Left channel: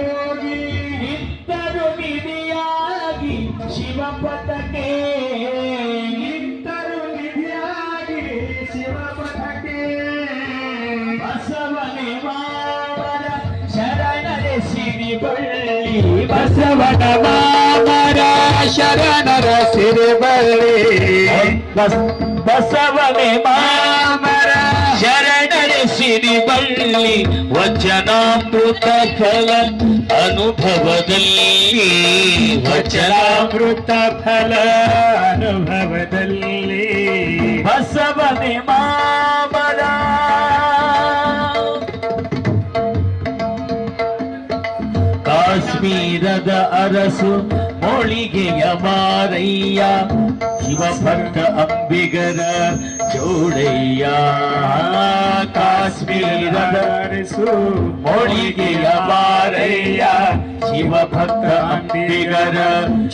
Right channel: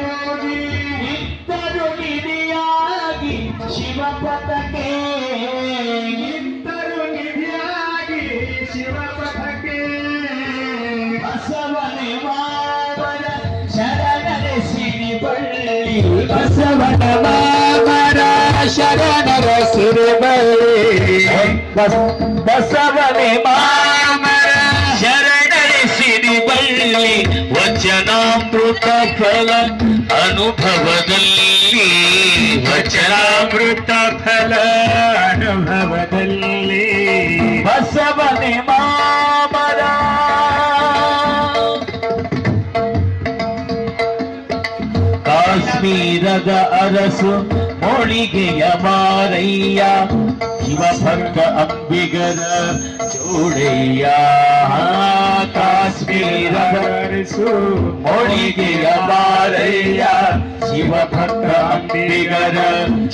ಹೋಗಿ ಇದ್ದರು ನಿಧಿಯಾಗಿ ಶಿವ ಪಥಕ್ಕೆ ಇದ್ದರು ನಿಧಿಯಾಗಿ ಶಿವ ಪಥಕ್ಕೆ ಬಸವನೆ ಮಾಮರ ಶರಣರೆ, ಸಿರಿಬಳ್ಳಿ. ಬಸವನ ಮಾಮರ ಶರಣರ, ಸಿರಿಬಳ್ಳಿ. ಬಸವನೆ ಮಾಮರ ಶರಣ ಶರಣರೆ ಸಿರಿಬಳ್ಳಿ ವಚನಾಮೃತ ಫಲ ಅನುಭವದಲ್ಲಿ ವಚನಾಮೃತ ಫಲ ಅನುಭವದಲ್ಲಿ ಬಸವನೆ ಮಾಮರ ಕಾಶ್ಮೀರದ ಅರಸು ಮೊಳಿಗೆಯ ಮಾರಯ್ಯ ಶಿವಭಕ್ತ ಅಂಬಿಗರ ಜೋಡಯ್ಯ ಕಾಶ್ಮೀರ ಮೊಳಿಗೆಯ ಬಾರಯ್ಯ ಶಿವಭಕ್ತ ಅಂಬಿಗರ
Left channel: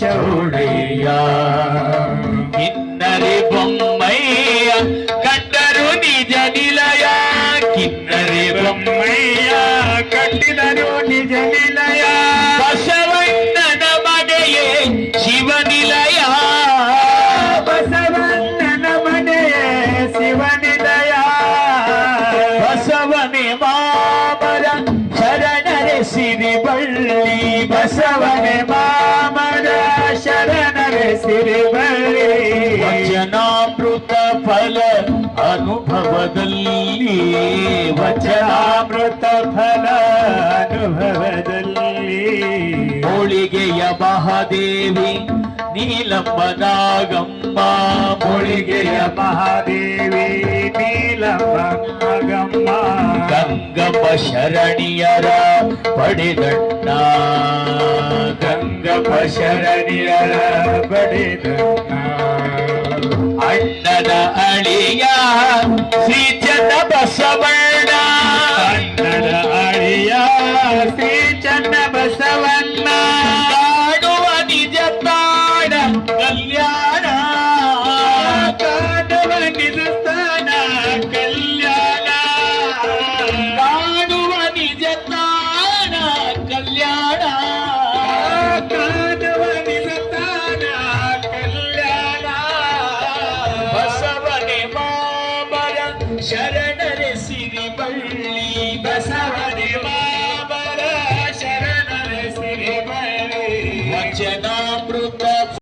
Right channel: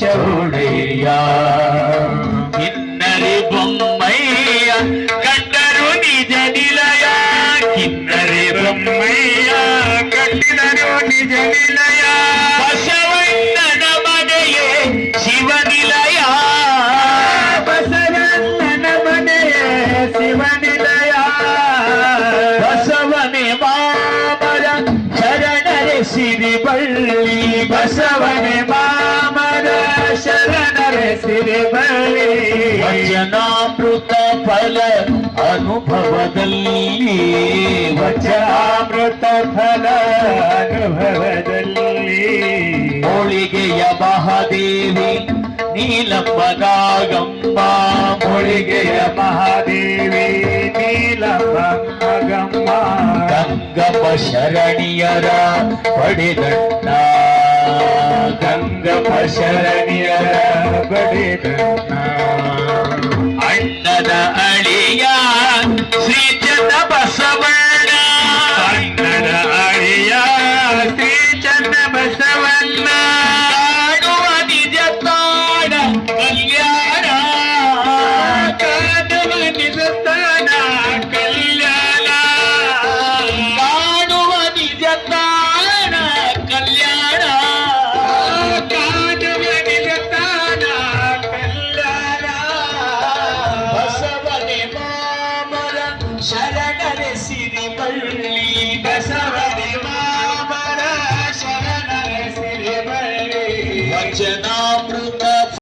ಚೌಡಯ್ಯ ಕಿನ್ನರಿ ಬೊಮ್ಮಯ್ಯ ಕಂಡರು ನಿಜ ನಿಲಯ ಕಿನ್ನರಿ ಬೊಮ್ಮಯ್ಯ ಕಂಡಿದರು ನಿಜ ನಿಲಯ. ಸಿರಿಬಳ್ಳಿ ಬಸವನೆ ಮಾಮದ ಶರಣರ ಸಿರಿಮಳೆ ವಚನಾಮೃತ ಫಲ ಅನುಭವದಲ್ಲಿ ವಚನಾಮೃತ ಫಲ ಅನುಭವದಲ್ಲಿ. ಹೋಳಿಗೆಯ ಮಹಾದೇವಿ ನೀಲಮ್ಮ ನಾಗಮ್ಮ ಹೋಳಿಗೆಯ ಮಹಾದೇವಿ ನೀಲಮ್ಮ ನಾಗಮ್ಮ ಗಂಗಮ್ಮ ಶರಣಿಯರ ಪಡೆದಣ್ಣ ಗಂಗಮ್ಮ ಶರಣಿಯರ ಪಡೆದಣ್ಣ ಅಣ್ಣನ ಅಳಿಯ